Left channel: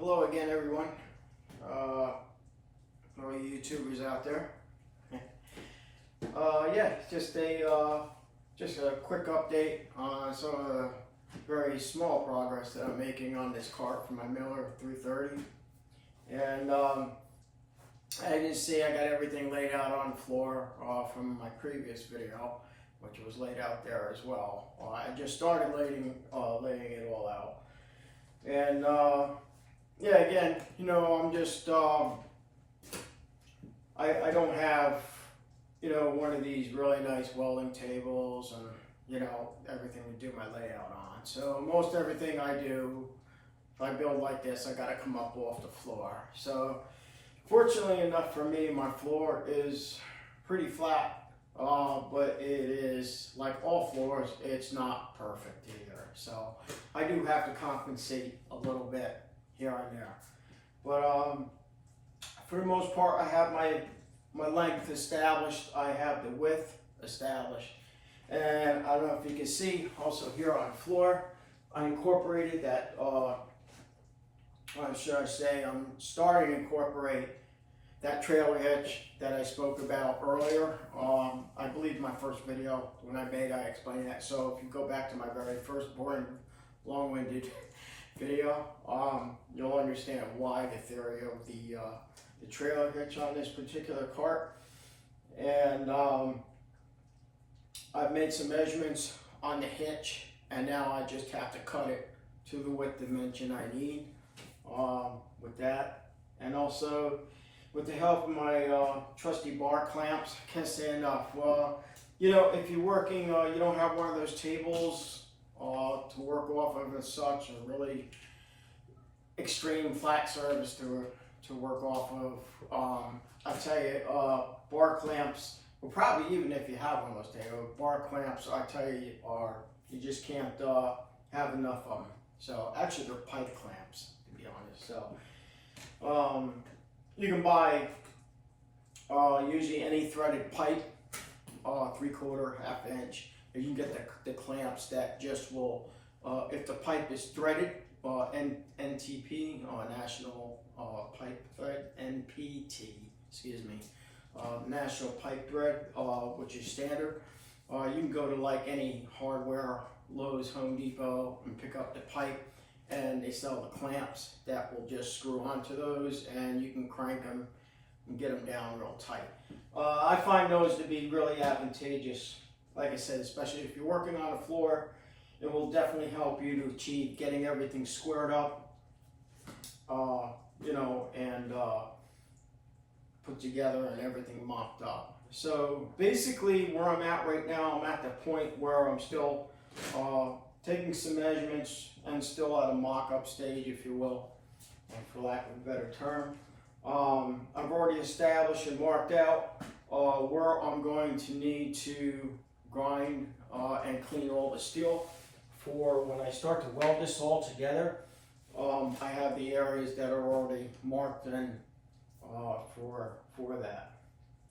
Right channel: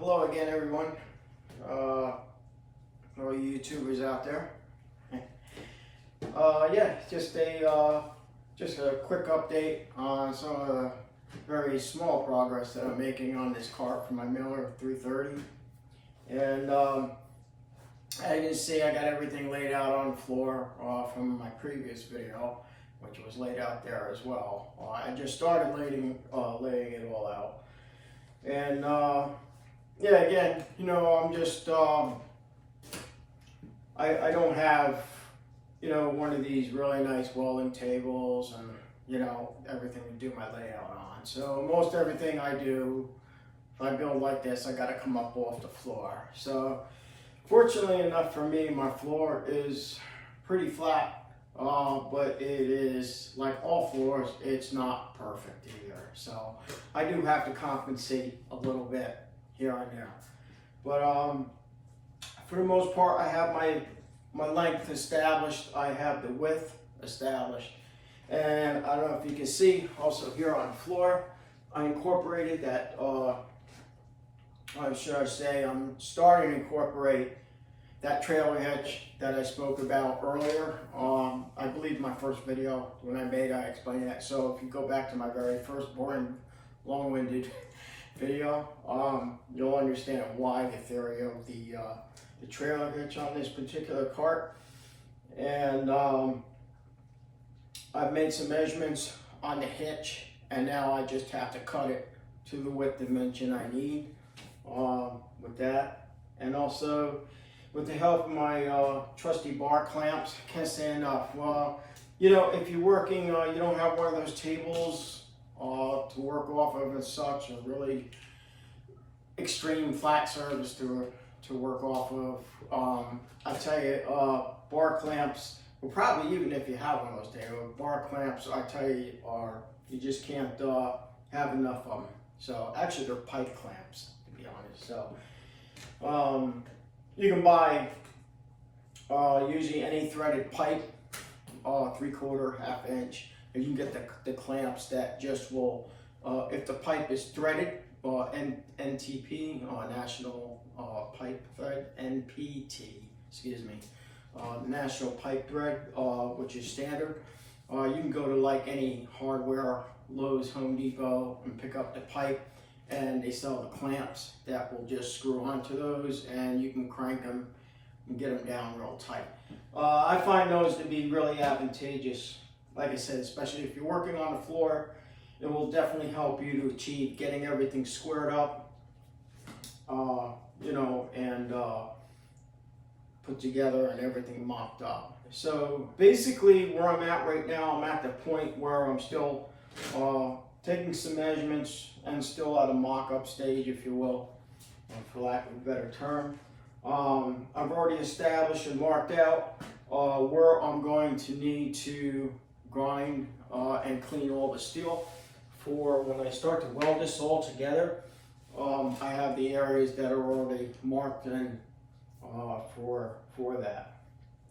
Hello again, everyone. All you YouTubers out there. Yeah, just a quick update on some of the very small progress that I'm making on this cart for my Miller 330. And as you can see, I got everything laid out on the floor from my previous video, which was laid out there as well. I just started laying it all out. And yeah, again, you know, I'm just, I don't have, you know, one of these really nice welding tables and, you know, everything to do my layout on. So most everything I do, if I build like this, I got to come up off the floor. So fortunately enough for me, my floor is pretty flat, but it is, like all floors, it's not perfect either. So I do have to compensate a little bit here and there. But for the most part, I have my length established. I have the width established. And I don't know if you can see, also here on the floor, I incorporated that, should I say, I'm starting to incorporate that trailer hitch that I spoke about earlier. I believe my first video when I explained that. So if you go back to my very first boring, long-winded video, you'll understand why the theory of the trailer hitch on this particular cart. And I've made some measurements on the hitch, and now I just have to cut it to the width dimension I need with that. And also with the help of my trusty bar clamps. I can't say enough. Well, you know, if you're working, you don't have one of those tables to work off of as such, a really extreme flat surface to work off of. I tell you, bar clamps, well, probably even if you have one of those tables, bar clamps, I tell you, you just can't have enough of them. So actually, they're pipe clamps, to be honest. So you can buy usually any threaded pipe, 3/4, ½ inch. You can get the clamps that just will, if the pipe is threaded, NTP, National Pipe Thread, NPT, excuse me, National Pipe Thread, which is standard. You can go to like any hardware, Lowe's, Home Depot, and pick up the pipe, and they sell the clamps that will just screw onto those, and you can crank them and get them down real tight. I find those to be really advantageous. Like I said, especially if you're working on the floor, it will definitely help you to achieve getting everything squared up, you know, and put together and everything mocked up. So basically where I'm at right now, I'm at the point where I'm still taking some measurements and still at a mock-up stage, if you will, for lack of a better term. I've already established and marked out where I'm going to need to grind and clean all the steel for when I start to weld this all together. I have the areas that are already marked and for that.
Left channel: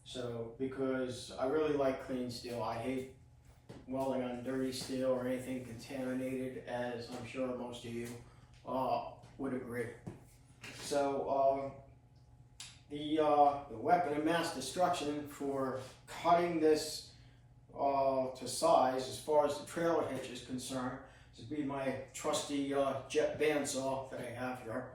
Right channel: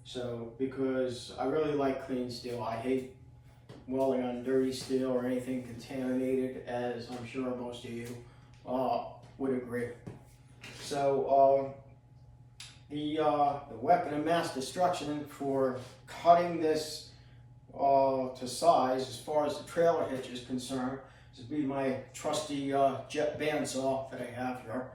So because I really like clean steel, I hate welding on dirty steel or anything contaminated, as I'm sure most of you would agree. So the weapon of mass destruction for cutting this to size, as far as the trailer hitch is concerned, this would be my trusty jet bandsaw that I have here.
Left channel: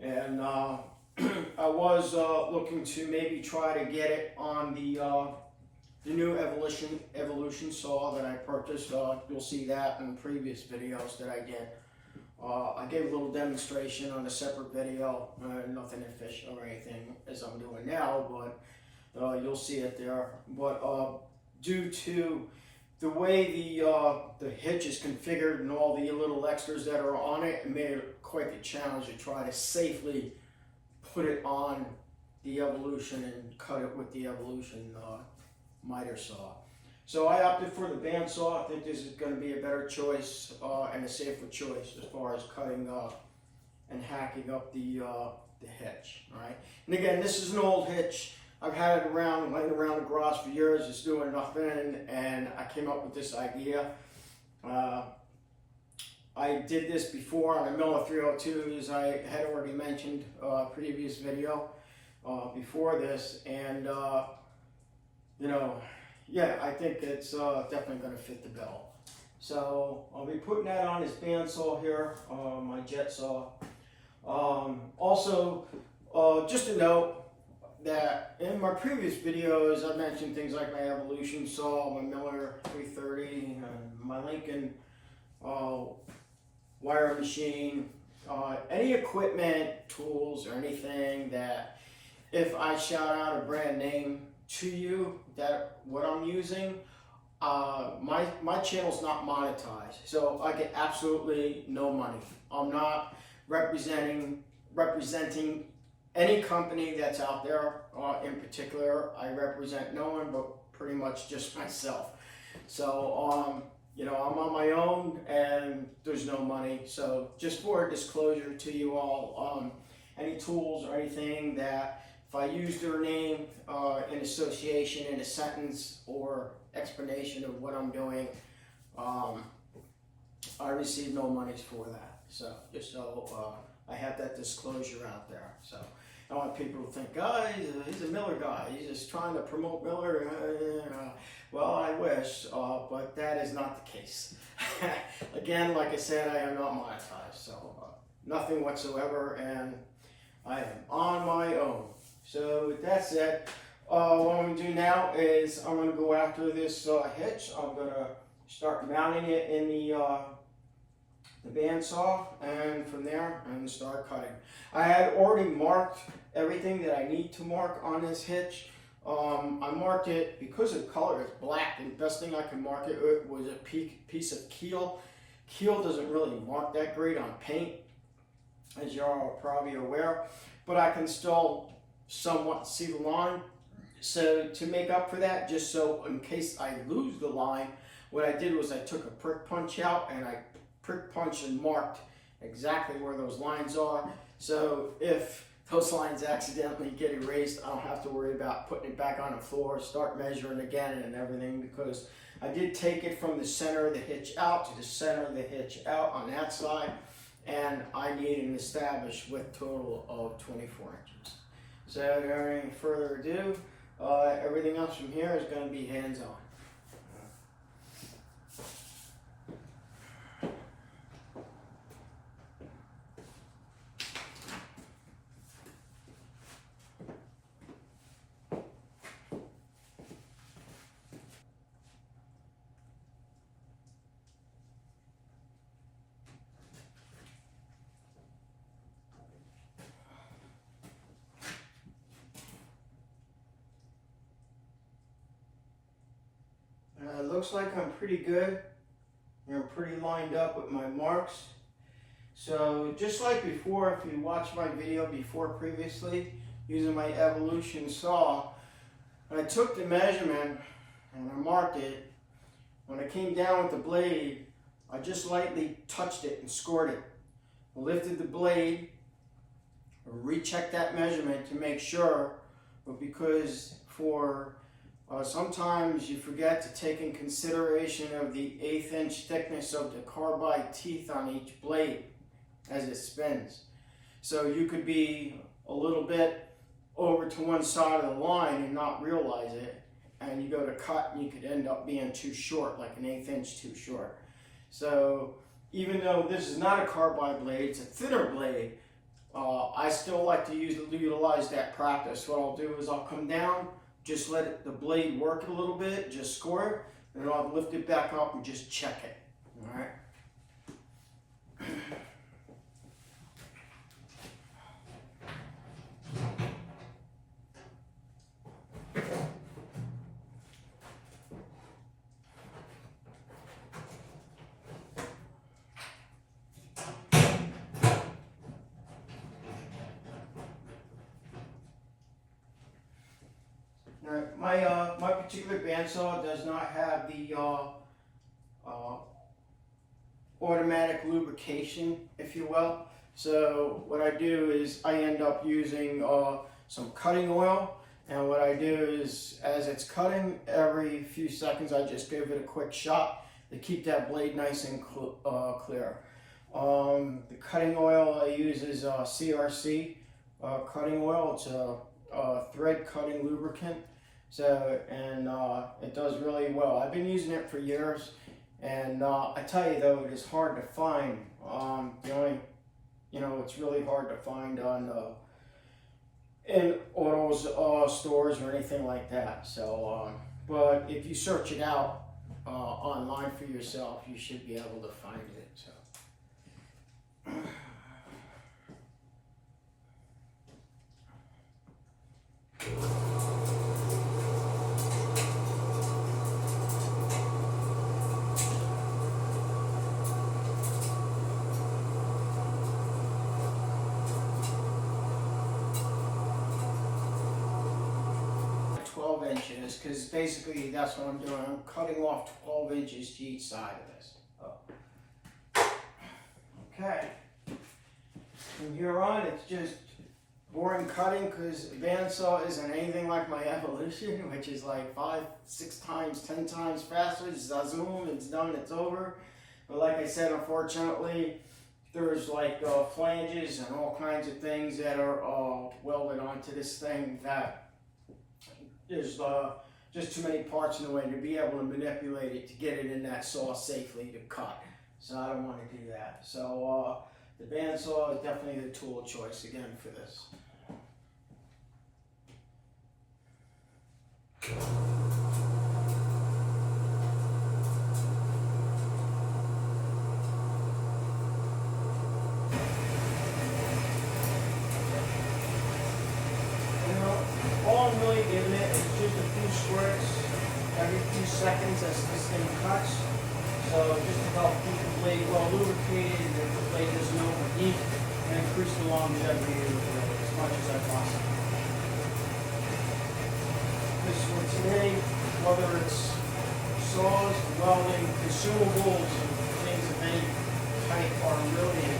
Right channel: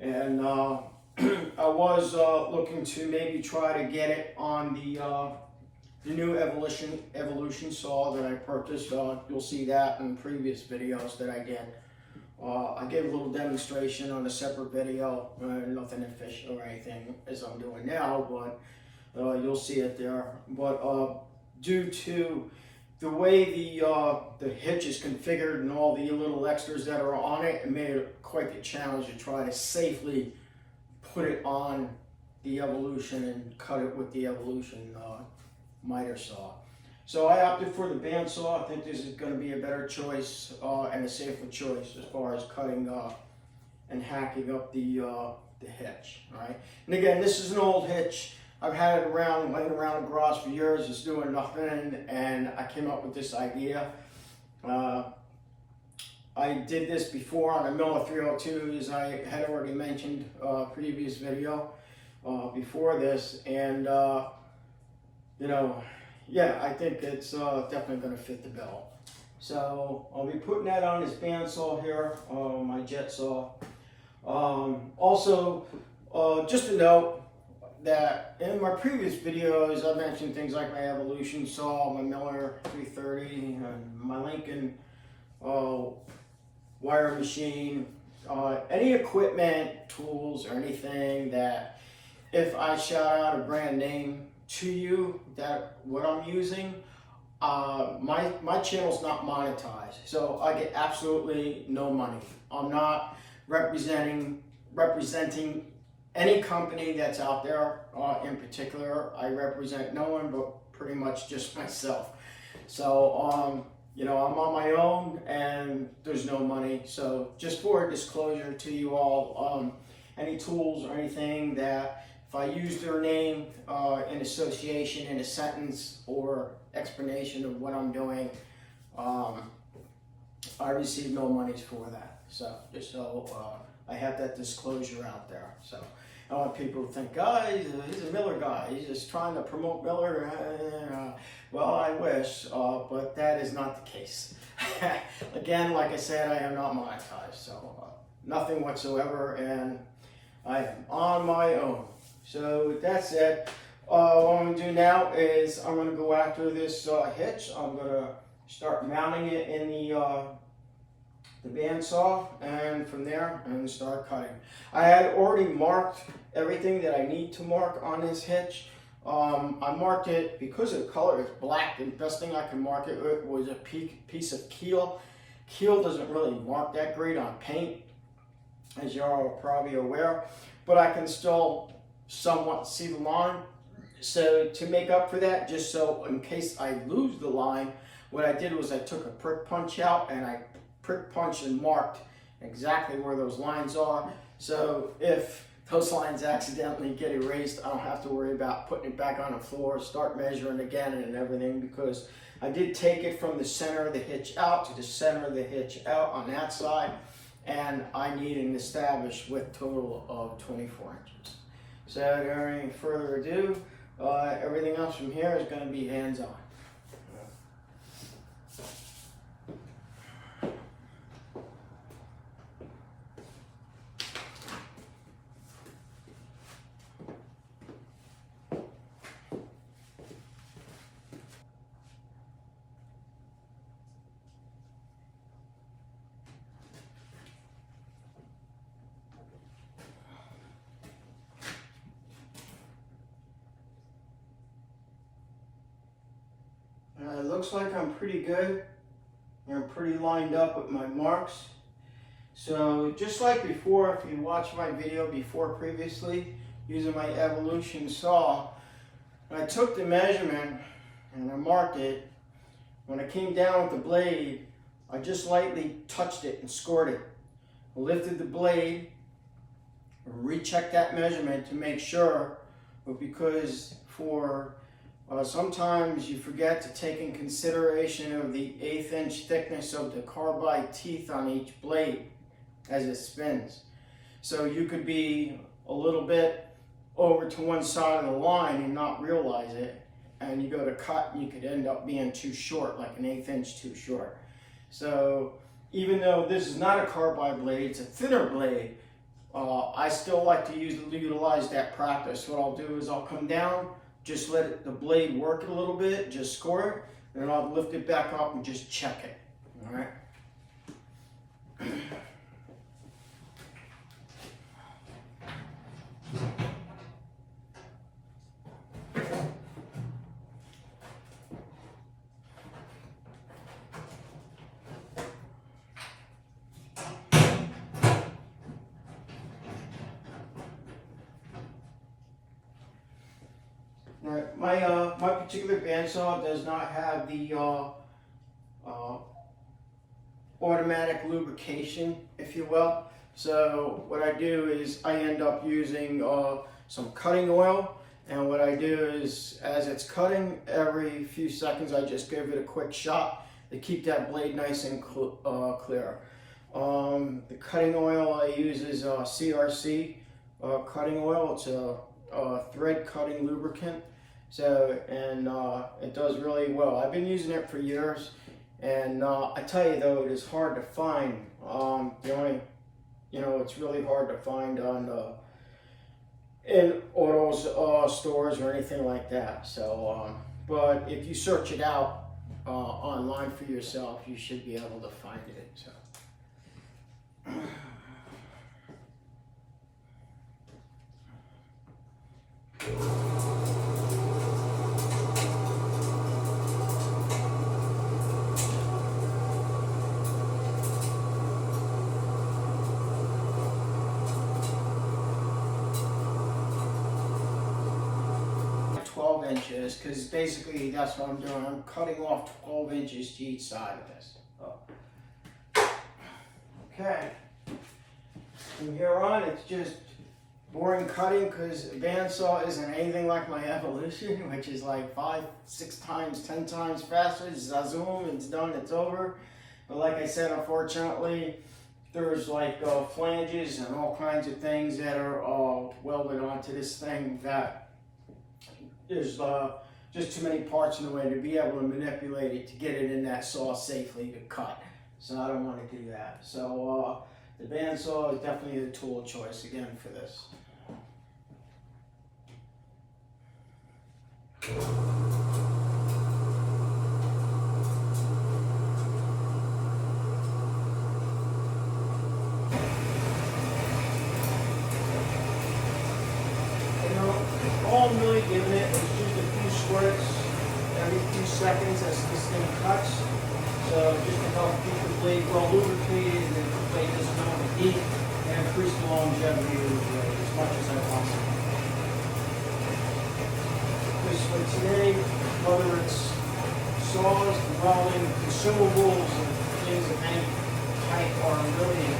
And I was looking to maybe try to get it on the new evolution saw that I purchased. You'll see that in previous videos that I did. I gave a little demonstration on a separate video, nothing official or anything as I'm doing now, but you'll see it there. But due to the way the hitch is configured and all the little extras that are on it, it made it quite the challenge to try to safely put it on the Evolution and cut it with the Evolution miter saw. So I opted for the bandsaw. I think this is going to be a better choice and a safer choice as far as cutting and hacking up the hitch. All right. And again, this is an old hitch. I've had it around, laying around the garage for years. It's doing nothing, and I came up with this idea. I did this before on a Miller 302, as I had already mentioned previous video before this, and you know, yeah, I think it's definitely going to fit the bill. So I'll be putting that on this bandsaw here, my jet saw. Also, just a note that in my previous videos, I mentioned things like my Evolution saw, my Miller 330, and my Lincoln wire machine, any equipment, tools, or anything that if I shout out a brand name to you that what I'm using, my channel's not monetized, so I get absolutely no money. I'm not representing any company that's out there in particular. I represent no one but pretty much just myself. So you know, I'm on my own and there's no money. So just for a disclosure to you all, any tools or anything that if I use their name in association in a sentence or explanation of what I'm doing, I receive no monies for that. So just so I have that disclosure out there. So I want people to think, guys, he's a Miller guy. He's just trying to promote Miller. Well, I wish, but that is not the case. Again, like I said, I am not monetized, so nothing whatsoever, and I am on my own. So with that said, what I'm going to do now is I'm going to go after this hitch. I'm going to start mounting it in the bandsaw, and from there and start cutting. I had already marked everything that I need to mark on this hitch. I marked it because the color is black. The best thing I could mark it with was a piece of Keel. Keel doesn't really mark that great on paint, as you all are probably aware, but I can still somewhat see the line. So to make up for that, just so in case I lose the line, what I did was I took a prick punch out and I prick punched and marked exactly where those lines are. So if those lines accidentally get erased, I don't have to worry about putting it back on the floor, start measuring again and everything, because I did take it from the center of the hitch out to the center of the hitch out on that side, and I need an established width total of 24 inches. So without any further ado, everything else from here is going to be hands-on. It looks like I'm pretty good. I'm pretty lined up with my marks. So just like before, if you watched my video before previously, using my Evolution saw, I took the measurement and I marked it. When I came down with the blade, I just lightly touched it and scored it. I lifted the blade, rechecked that measurement to make sure, but because sometimes you forget to take in consideration of the 1/8 inch thickness of the carbide teeth on each blade as it spins. So you could be a little bit over to one side of the line and not realize it, and you go to cut and you could end up being too short, like an 1/8 inch too short. So even though this is not a carbide blade, it's a thinner blade, I still like to utilize that practice. What I'll do is I'll come down, just let the blade work a little bit, just score it, and then I'll lift it back up and just check it. All right. My particular bandsaw does not have the automatic lubrication, if you will. So what I do is I end up using some cutting oil, and what I do is as it's cutting, every few seconds I just give it a quick shot to keep that blade nice and clear. The cutting oil I use is CRC cutting oil. It's a thread cutting lubricant. So, and it does really well. I've been using it for years, and I tell you though, it is hard to find. The only, it's really hard to find on in auto stores or anything like that. So, but if you search it out online for yourself, you should be able to find it. So. 12 inches, because basically that's what I'm doing. I'm cutting off 12 inches to each side of this. Okay. From here on, it's just boring cutting, because a bandsaw isn't anything like my Evolution, which is like 5, 6 times, 10 times faster. It's zoom, it's done, it's over. But like I said, unfortunately, there's like flanges and all kinds of things that are welded onto this thing that there's just too many parts in the way to be able to manipulate it to get it in that saw safely to cut. So I don't want to do that. So the bandsaw is definitely the tool of choice again for this. All I'm really giving it is just a few squirts every few seconds as this thing cuts. So just to help keep the blade well lubricated and the blade doesn't overheat and increase the longevity of the blade as much as I possibly can. Because what's in any, whether it's saws, welding, consumables, things of any type are really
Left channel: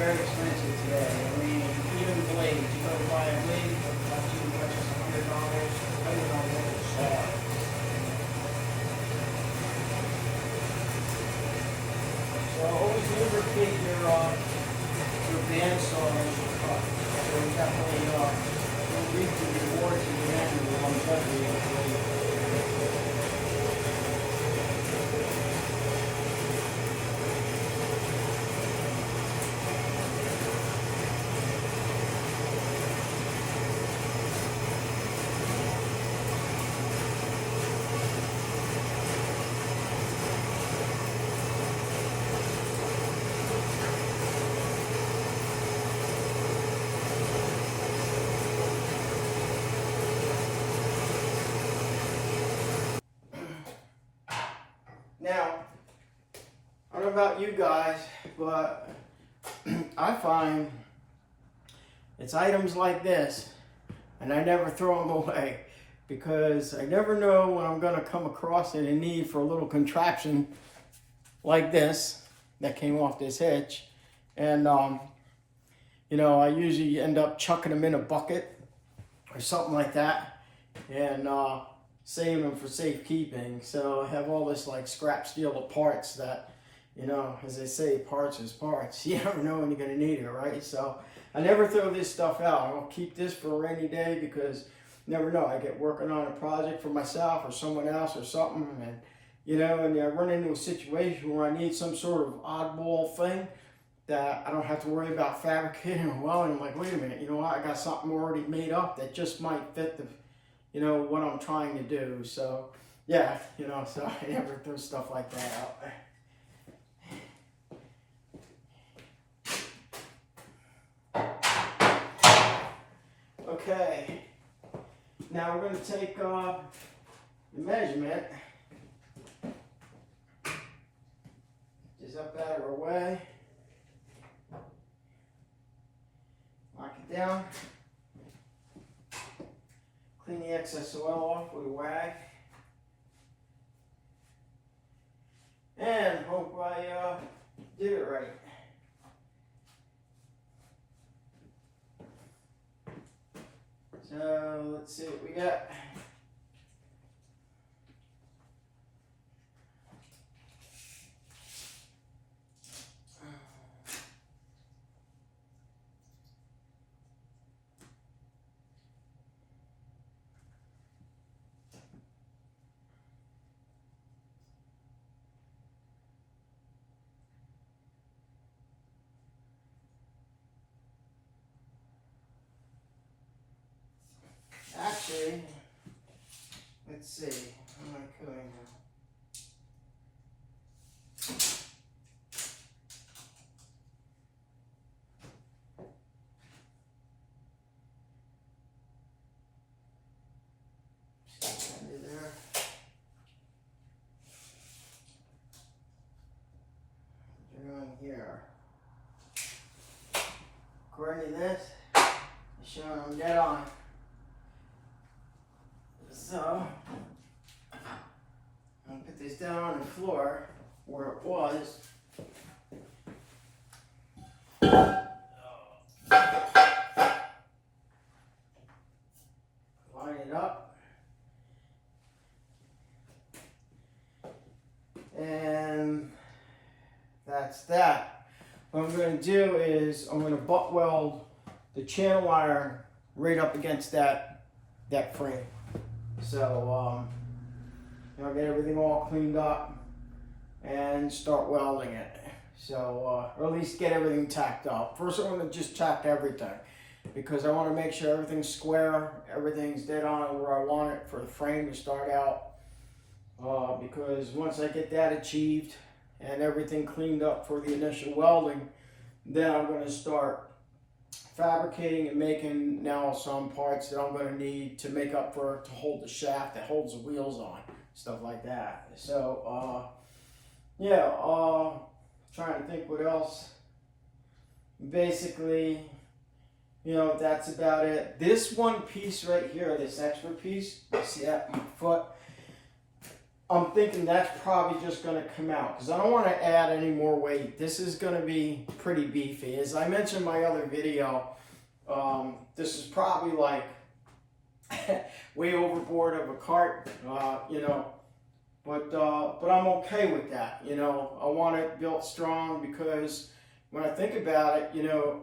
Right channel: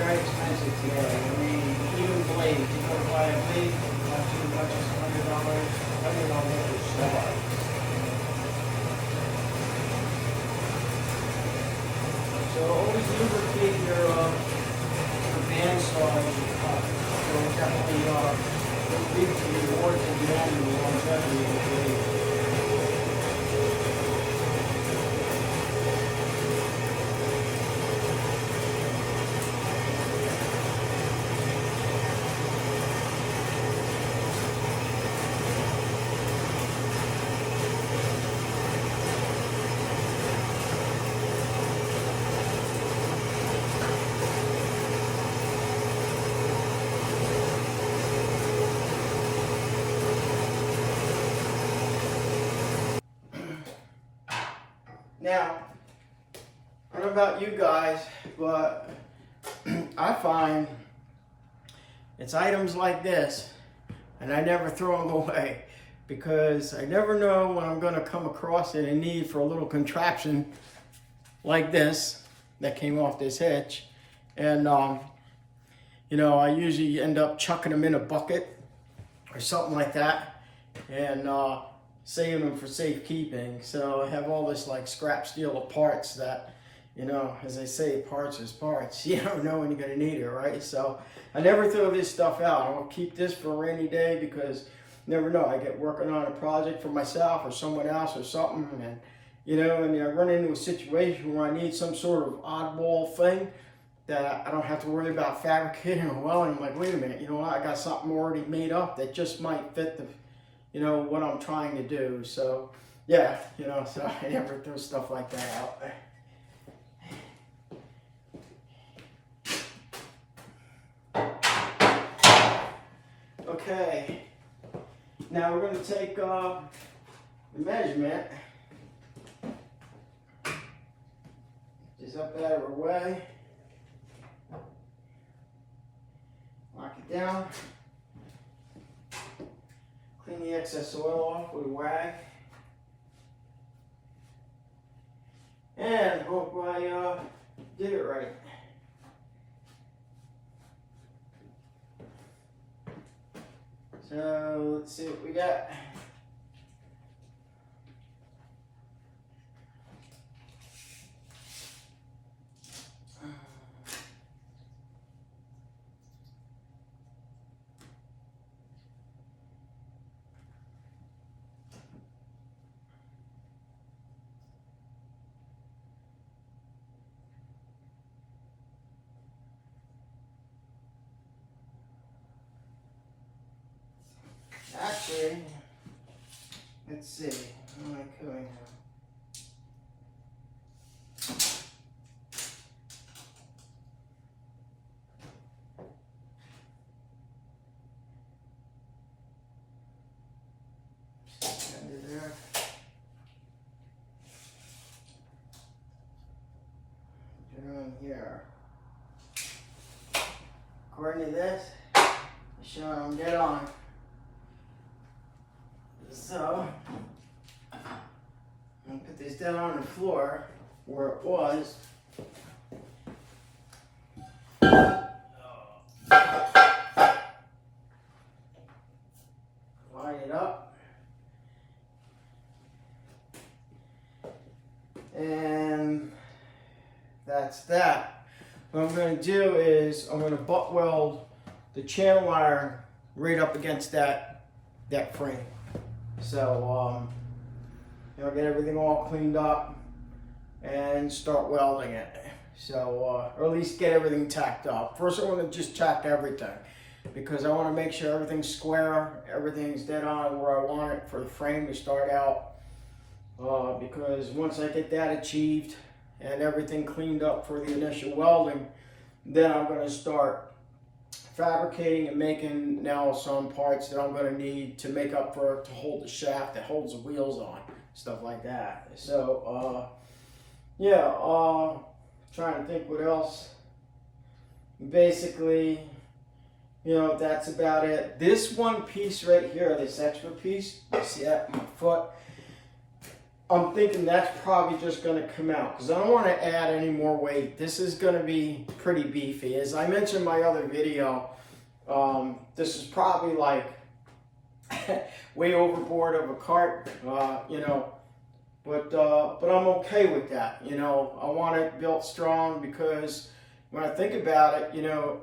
very expensive today. I mean, even blades, you go buy a blade, not too much as $100, depending on what you saw. So always lubricate your bandsaw as you cut. So definitely reap the rewards at the end of the longevity of the blade. Now, I don't know about you guys, but I find it's items like this, and I never throw them away, because I never know when I'm going to come across a need for a little contraption like this that came off this hitch. And, I usually end up chucking them in a bucket or something like that, and saving them for safekeeping. So I have all this like scrap steel of parts that, as they say, parts is parts. You never know when you're gonna need it, right? So I never throw this stuff out. I'll keep this for a rainy day, because you never know. I get working on a project for myself or someone else or something, and and I run into a situation where I need some sort of oddball thing that I don't have to worry about fabricating or welding. I'm like, wait a minute, you know what? I got something already made up that just might fit the what I'm trying to do. So yeah, so I never throw stuff like that out. Okay, now we're going to take the measurement just up out of our way, lock it down. Clean the excess oil off with a rag. And hope I did it right. So let's see what we got. let's see. What am I doing now? Under there. Doing here. According to this, it's showing I'm dead on. So, I'm gonna put this down on the floor where it was. Line it up. And that's that. What I'm going to do is I'm going to butt weld the channel iron right up against that frame. So get everything all cleaned up and start welding it. So or at least get everything tacked up. First I'm going to just tack everything because I want to make sure everything's square, everything's dead on where I want it for the frame to start out. Because once I get that achieved and everything cleaned up for the initial welding, then I'm going to start fabricating and making now some parts that I'm going to need to make up for to hold the shaft that holds the wheels on, stuff like that. So trying to think what else. Basically, that's about it. This one piece right here, this extra piece, you see that, my foot, I'm thinking that's probably just going to come out because I don't want to add any more weight. This is going to be pretty beefy. As I mentioned in my other video, this is probably like way overboard of a cart, but I'm okay with that. I want it built strong because when I think about it,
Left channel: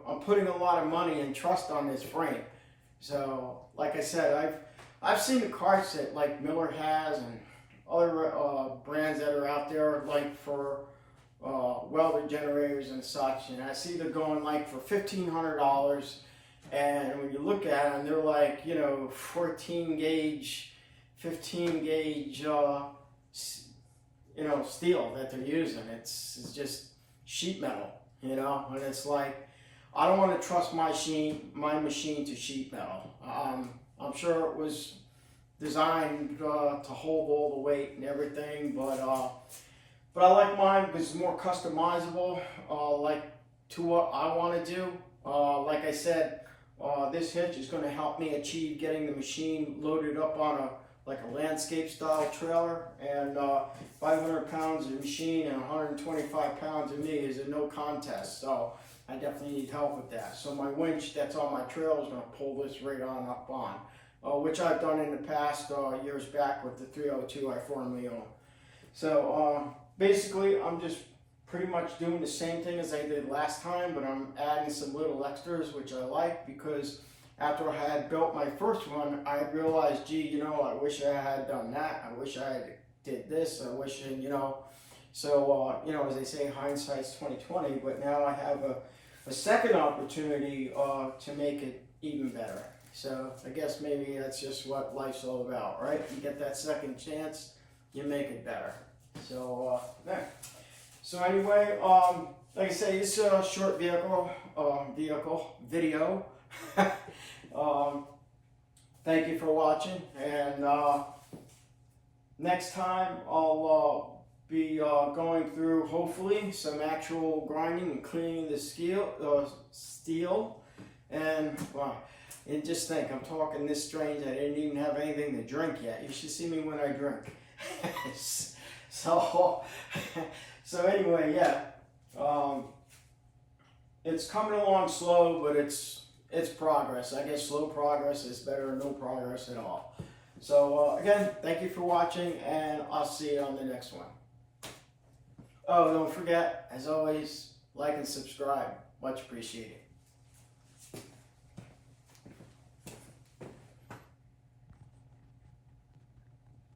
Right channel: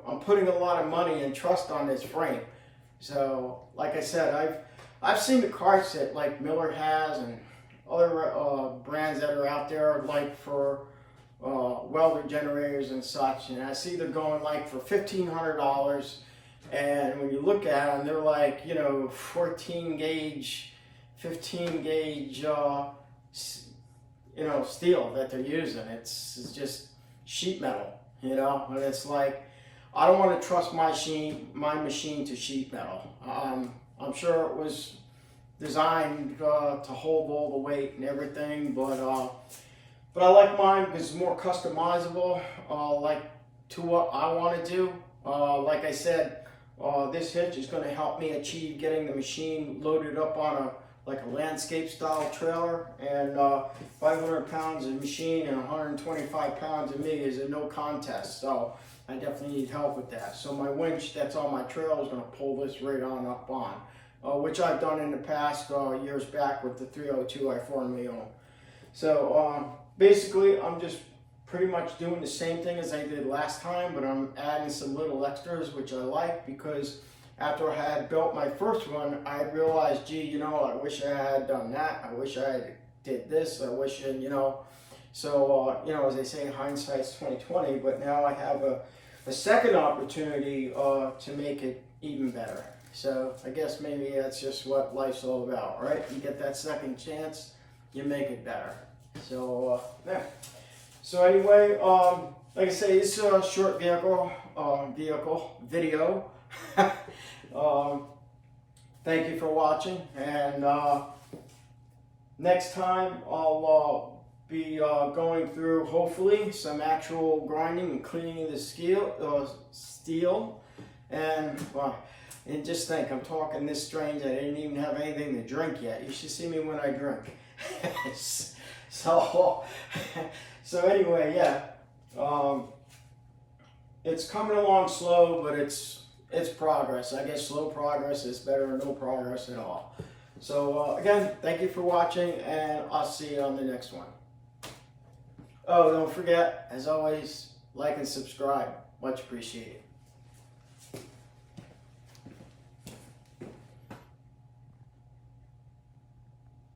I'm putting a lot of money and trust on this frame. So, like I said, I've seen the carts that like Miller has and other brands that are out there, like for welder generators and such, and I see they're going like for $1,500, and when you look at them, they're like 14 gauge, 15 gauge, steel that they're using. It's just sheet metal, and it's like I don't want to trust my machine to sheet metal. I'm sure it was designed to hold all the weight and everything, but I like mine because it's more customizable, like to what I want to do. Like I said, this hitch is going to help me achieve getting the machine loaded up on a landscape style trailer, and 500 pounds of machine and 125 pounds of me is a no contest. So I definitely need help with that. So my winch that's on my trailer is going to pull this right on up on. Which I've done in the past years back with the 302 I formerly owned. So basically I'm just pretty much doing the same thing as I did last time, but I'm adding some little extras which I like because after I had built my first one, I realized, gee, I wish I had done that. I wish I had did this. I wish, so as they say, hindsight's 2020. But now I have a second opportunity to make it even better. So I guess maybe that's just what life's all about, right? You get that second chance, you make it better. So yeah. So anyway, like I say, it's a short video. Thank you for watching, and next time I'll be going through hopefully some actual grinding and cleaning the steel, and and just think, I'm talking this strange, I didn't even have anything to drink yet. You should see me when I drink. So anyway, yeah. It's coming along slow, but it's progress. I guess slow progress is better than no progress at all. So again, thank you for watching, and I'll see you on the next one. Oh, don't forget, as always, like and subscribe. Much appreciated.